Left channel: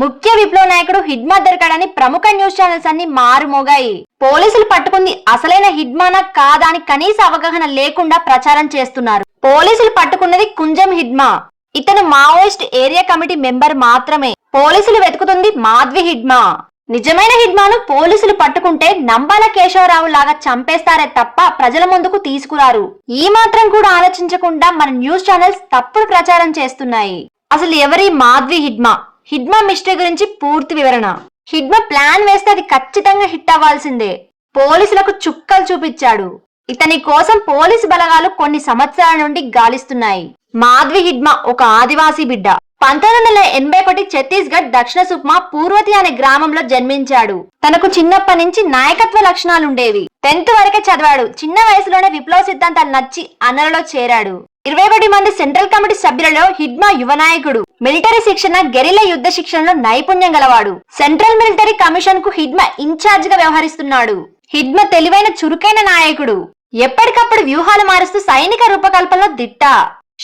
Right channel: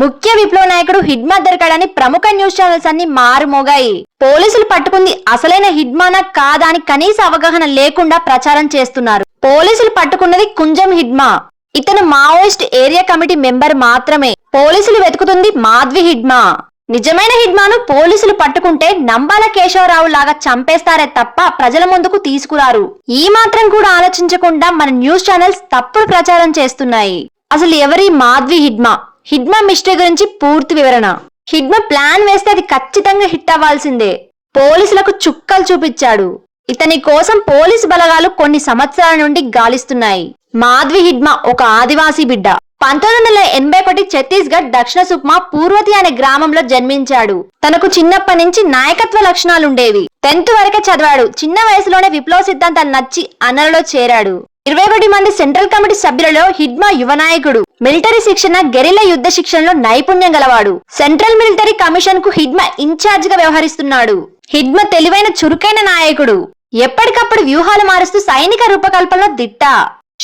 ముఖ్య విప్లవ నాయకుడు హిడ్మా దొరికాడని ప్రముఖ న్యూస్ ఛానల్స్ అన్ని మారుమోగాయి. పోలీసులు పట్టుకుంది అసలైన హిడ్మానా కాదా అని కనీస అవగాహన లేకుండా ప్రచారం చేస్తున్నారు. పోలీసులు పట్టుకున్నది కుంజం హిడ్మా. ఇతను మావోయిస్ట్ ఏరియా కమిటీ మెంబర్ మాత్రమే. పోలీసులు వెతుకుతుంది మాధ్వి హిడ్మా. నిజమైన హిడ్మాను పోలీసులు పట్టుకుంటే నంబాల కేశవరావు లాగా చంపేస్తారే తప్ప ప్రజల ముందుకు తీసుకురారు. ఈ మాత్రం కూడా ఆలోచించకుండా మన న్యూస్ ఛానల్స్ తప్పుడు ప్రచారం చేస్తున్నాయి. అసలు ఎవరి మాధ్వి హిడ్మా? హిడ్మా మిస్టరీ గురించి పూర్తి వివరణ. హిడ్మా ప్లాన్ వేస్తే అది ఖచ్చితంగా హిట్ అవ్వాల్సిందే. పోలీసులకు చుక్కలు చూపించాడు. ఇతని కోసం పోలీసు బలగాలు కొన్ని సంవత్సరాల నుండి గాలిస్తున్నాయి. మాధ్వి హిడ్మా ఒక ఆదివాసీ బిడ్డ. 1981 ఛత్తీస్గఢ్ దక్షిణ సుక్మా పూర్వతి అనే గ్రామంలో జన్మించాడు. తనకు చిన్నప్పటి నుంచి నాయకత్వ లక్షణాలుండేవి. 10th వరకే చదివాడు. చిన్న వయసులోనే విప్లవ సిద్ధాంతాలు నచ్చి అన్నలలో చేరాడు. 21 మంది సెంట్రల్ కమిటీ సభ్యులలో హిడ్మా యువ నాయకుడు. మిలిటరీ శిక్షణ, గెరిల్లా యుద్ధ శిక్షణలో నైపుణ్యం గలవాడు. సెంట్రల్ మిలిటరీ కమిషన్ కు హిడ్మా ఇన్ఛార్జ్ గా వ్యవహరిస్తున్నాడు. హిడ్మా తెలివైన చురుకైన నాయకుడు. ఎప్పటికప్పుడు వ్యూహాలు మారుస్తూ సైనిక రూపకల్పనలో దిట్ట.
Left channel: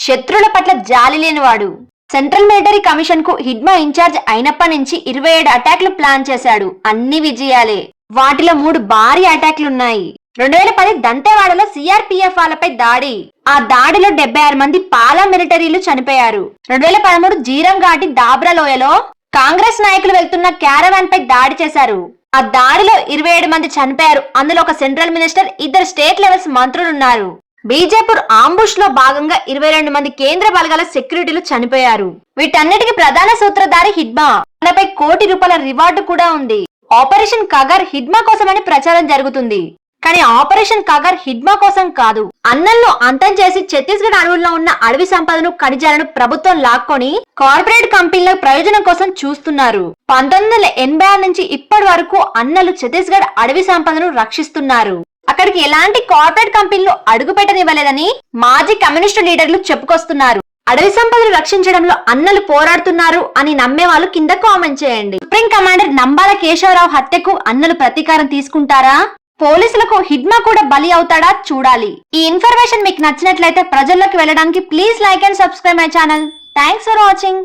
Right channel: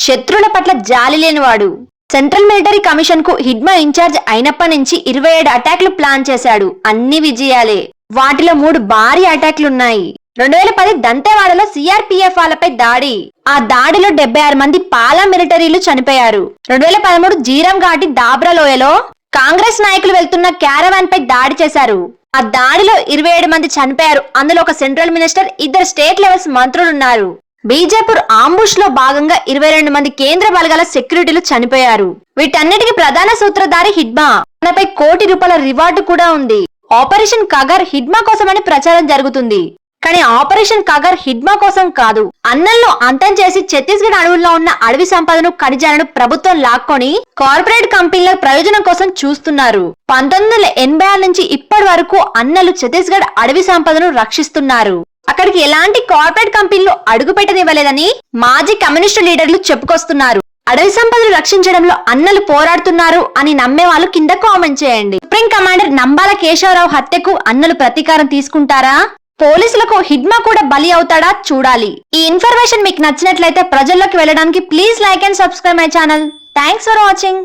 శత్రువుల పట్ల జాలి లేనివాడు. సెంట్రల్ మిలిటరీ కమిషన్ కు హిడ్మా ఇన్ఛార్జ్ అయినప్పటి నుంచి 27 అటాక్లు ప్లాన్ చేశాడు. అన్ని విజయాలే. వాటిలో 3 భారీ అటాక్లున్నాయి. 2010 దంతేవాడలో సిఆర్పిఎఫ్ వాళ్ళపై దాడి. ఆ దాడిలో 76 మంది పాలా మిలిటరీలు చనిపోయారు. 2013 జీరం ఘాటి దాబ్రా లోయలో కాంగ్రెస్ నాయకులు వెళ్తున్న క్యారవాన్ పై దాడి చేశారు. ఆ దాడిలో 27 మంది చనిపోయారు. అందులో ఒక సెంట్రల్ మినిస్టర్, 2 స్టేట్ లెవెల్స్ మంత్రులున్నారు. బీజేపూర్ ఆంబుష్ లో భాగంగా 22 మంది కేంద్ర బలగాల సెక్యూరిటీలు చనిపోయారు. వీటన్నిటికీ ప్రధాన సూత్రధారి హిడ్మా. తనపై ₹1 కోటి రివార్డు కూడా ఉంది. ఆపరేషన్ కగర్ హిడ్మా కోసమని ప్రచారం జరుగుతుంది. కానీ ఆపరేషన్ కగర్ హిడ్మా కోసం కాదు. అన్నలను అంతం చేసి ఛత్తీస్గఢ్ అడవుల్లో ఉన్న అడవి సంపదను, ఖనిజాలను ప్రభుత్వం లాక్కొని కార్పొరేట్ కంపెనీల ప్రయోజనం కోసం చూస్తున్నారు. 1986 నుంచి ఇప్పటి వరకు అన్నలు ఛత్తీస్గఢ్ అడవి సంపదను రక్షిస్తున్నారు. అక్కడికి ఎలాంటి కార్పొరేట్ కంపెనీలు అడుగు పెట్టనివ్వలేదని మాజీ కమ్యూనిస్టు లీడర్లు చెప్పుకొస్తున్నారు. అడవి సంపదను రక్షించడంలో అన్నలు పోరాడుతున్నారు అని నమ్మే వాళ్ళు కింద కామెంట్ చేయండి. సుప్రీం కమాండర్ నంబాల కేశవరావు హత్యకు అన్నలు ప్రతీకారం తీసుకుంటారా? పోలీసులకు హిడ్మా కూడా బలి అవుతాడా? చూడాలి. ఈ ఇన్ఫర్మేషన్ మీకు నచ్చినట్లయితే ప్రజల్లోకి వెళ్ళడానికి please like and subscribe my channel. Thanks for watching.